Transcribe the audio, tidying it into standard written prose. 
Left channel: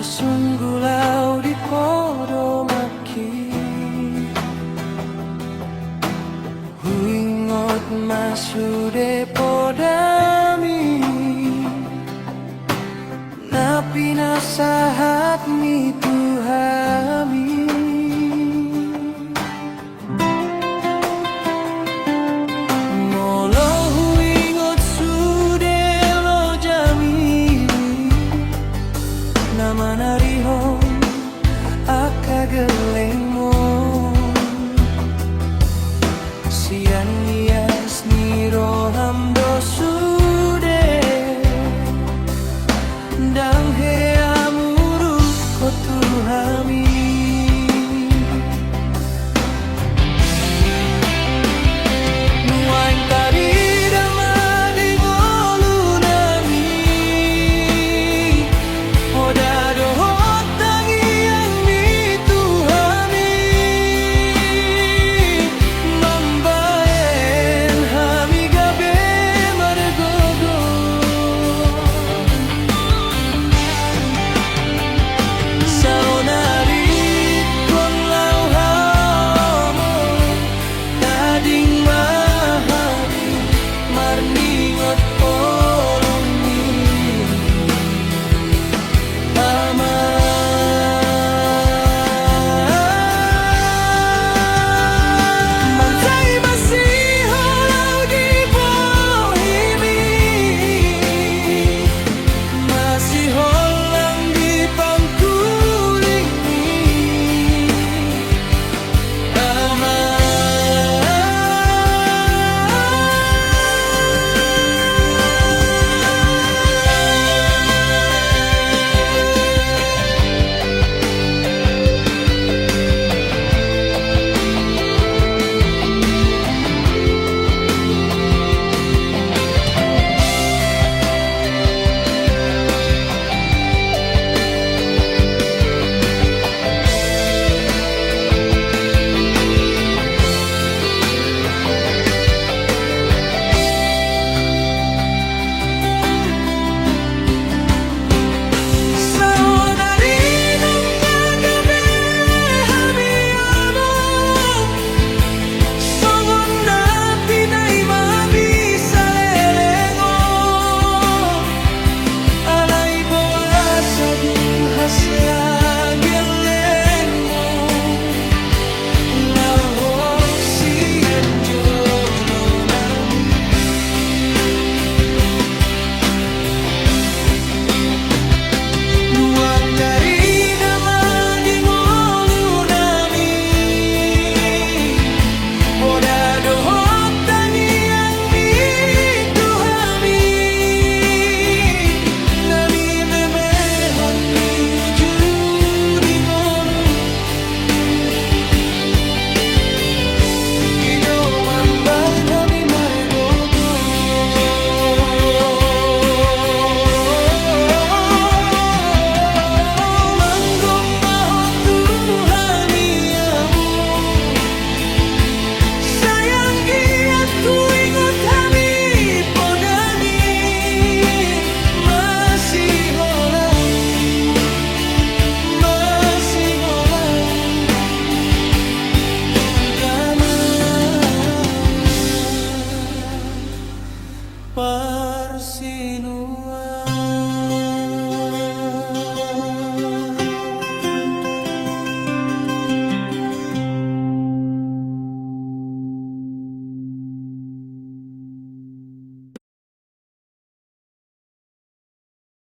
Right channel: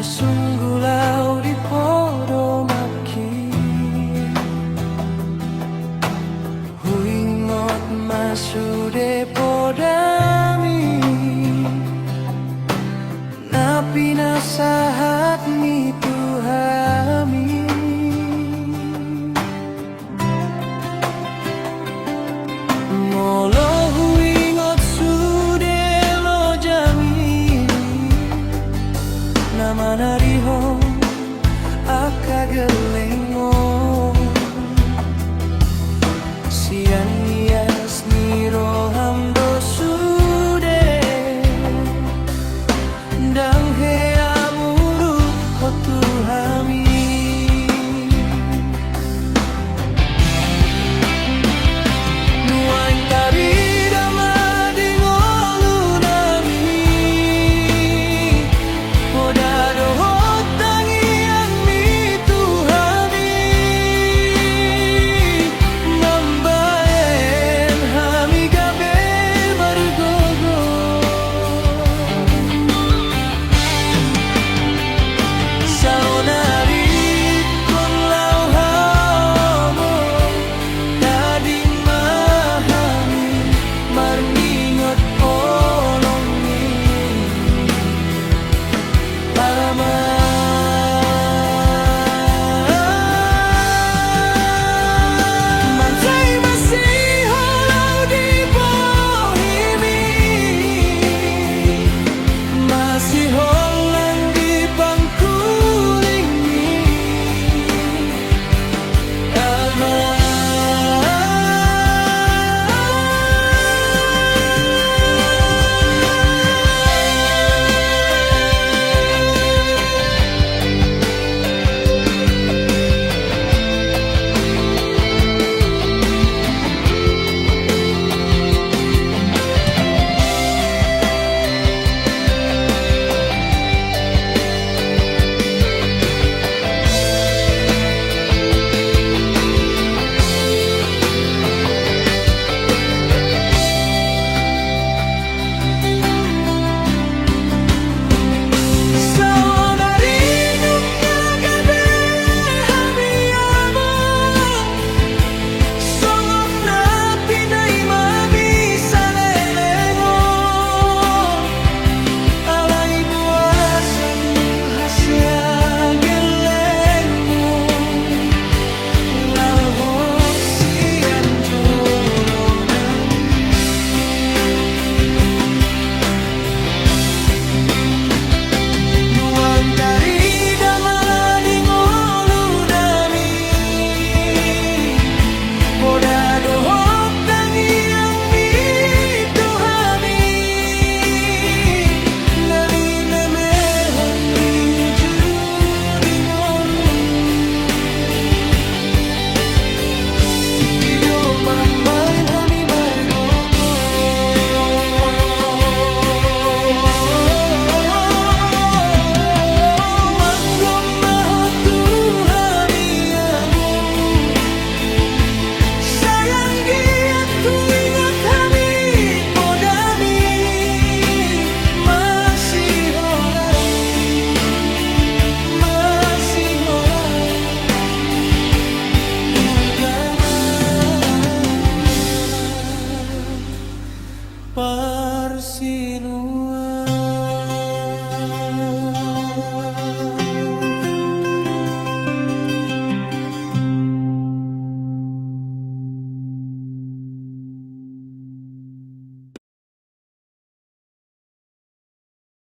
Marsunggulau di podo maki huingot masude podami napi nasahat ni tuhami molo huingot sude lo jami nama narihon akagelengmo sian nias niro hamdo sude dang he amuru kotuhami nuain tarida madingolu nami hodado hotangi yang mituhami mambaen hami gabe margogo saonari kon lau hamo dading mahami marningot polongi Mantai masih holau di bohimi masih holang di pangkulingi Hasya gelengmo lau hosian jolonan nuang karida madingolu nami podado hotangi yang mituhami nani memehon Parsinu